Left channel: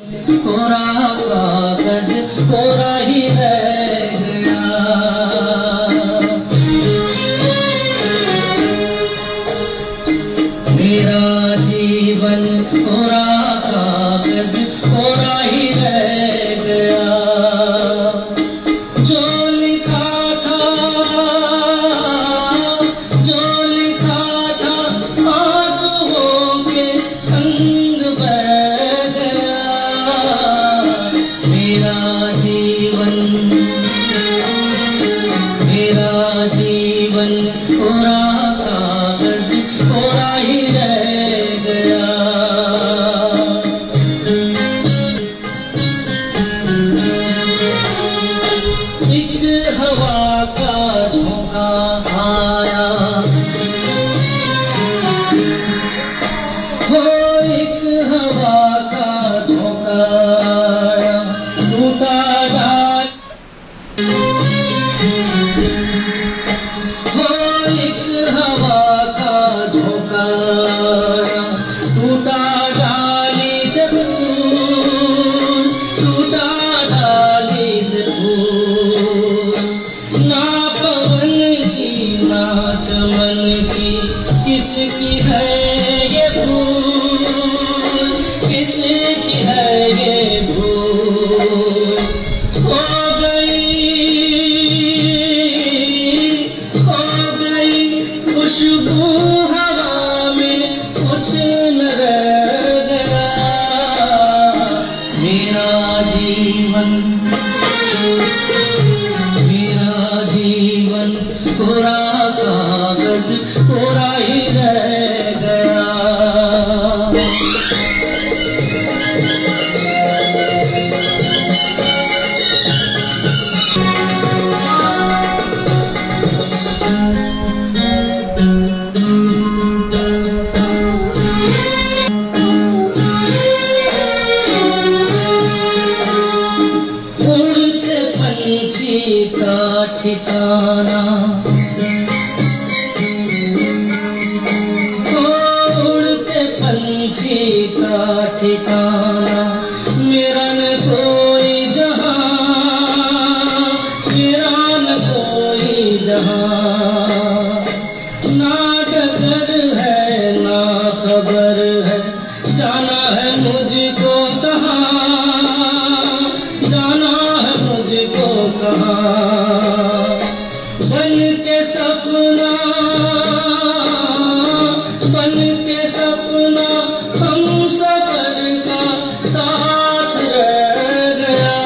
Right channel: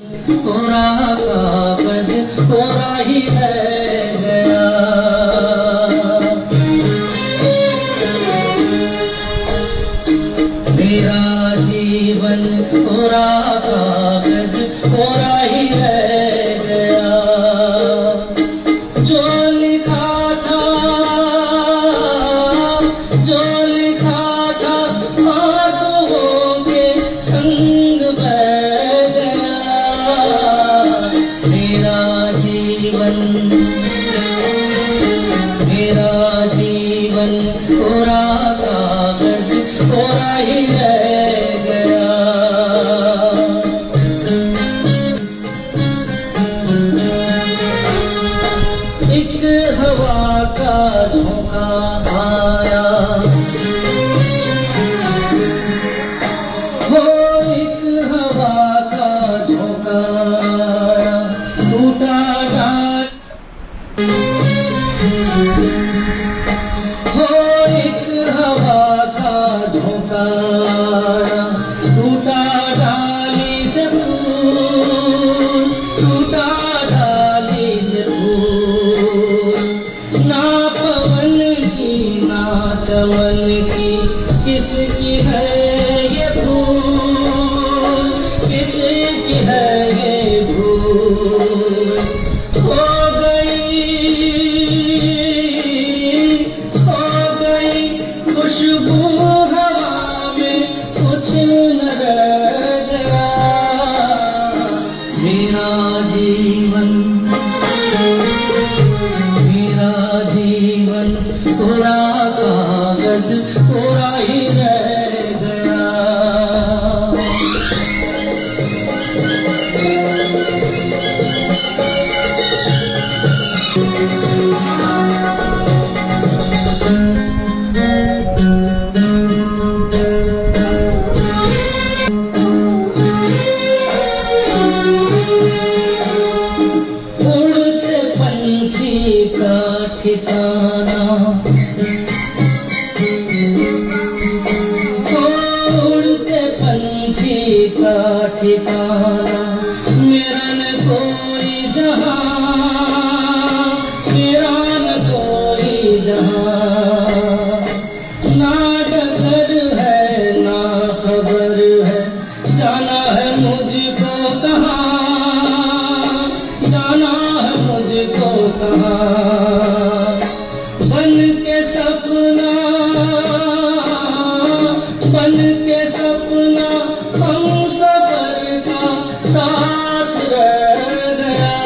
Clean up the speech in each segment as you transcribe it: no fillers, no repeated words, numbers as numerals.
पूरा कागज पूरा ही रह गया। मेरा जीवन पूरा कागज पूरा ही रह गया। जो लिखा था आंसुओं के संग बह गया। मेरा जीवन पूरा कागज पूरा ही रह गया। एक हवा का झोंका आया, वो एक हवा का झोंका आया, टूटा डाल। वो एक हवा का झोंका आया, टूटा डाली से फूल, टूटा डाली से फूल। ना पवन की ना चमन की किसकी है ये भूल, किसकी है ये भूल। खो गई खुशबू हवा में, कुछ न रह गया। मेरा जीवन पूरा कागज पूरा ही रह गया। उड़ते पंछी का ठिकाना, उड़ते पंछी का ठिकाना, मेरा न कोई जहां, मेरा न कोई जहां। ना डगर है ना खबर है, जाना है मुझको कहाँ, जाना है मुझको कहाँ। बन के सपना हम सफर का साथ रह गया।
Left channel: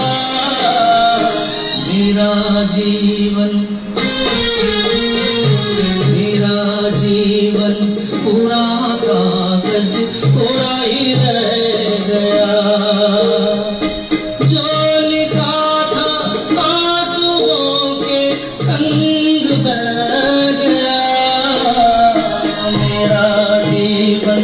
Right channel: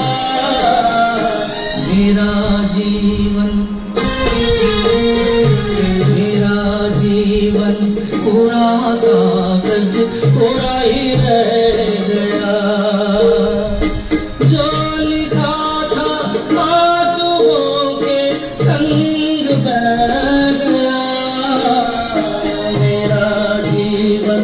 मेरा जीवन पूरा कागज पूरा ही रह गया। जो लिखा था आंसुओं के संग बह गया। मेरा जीवन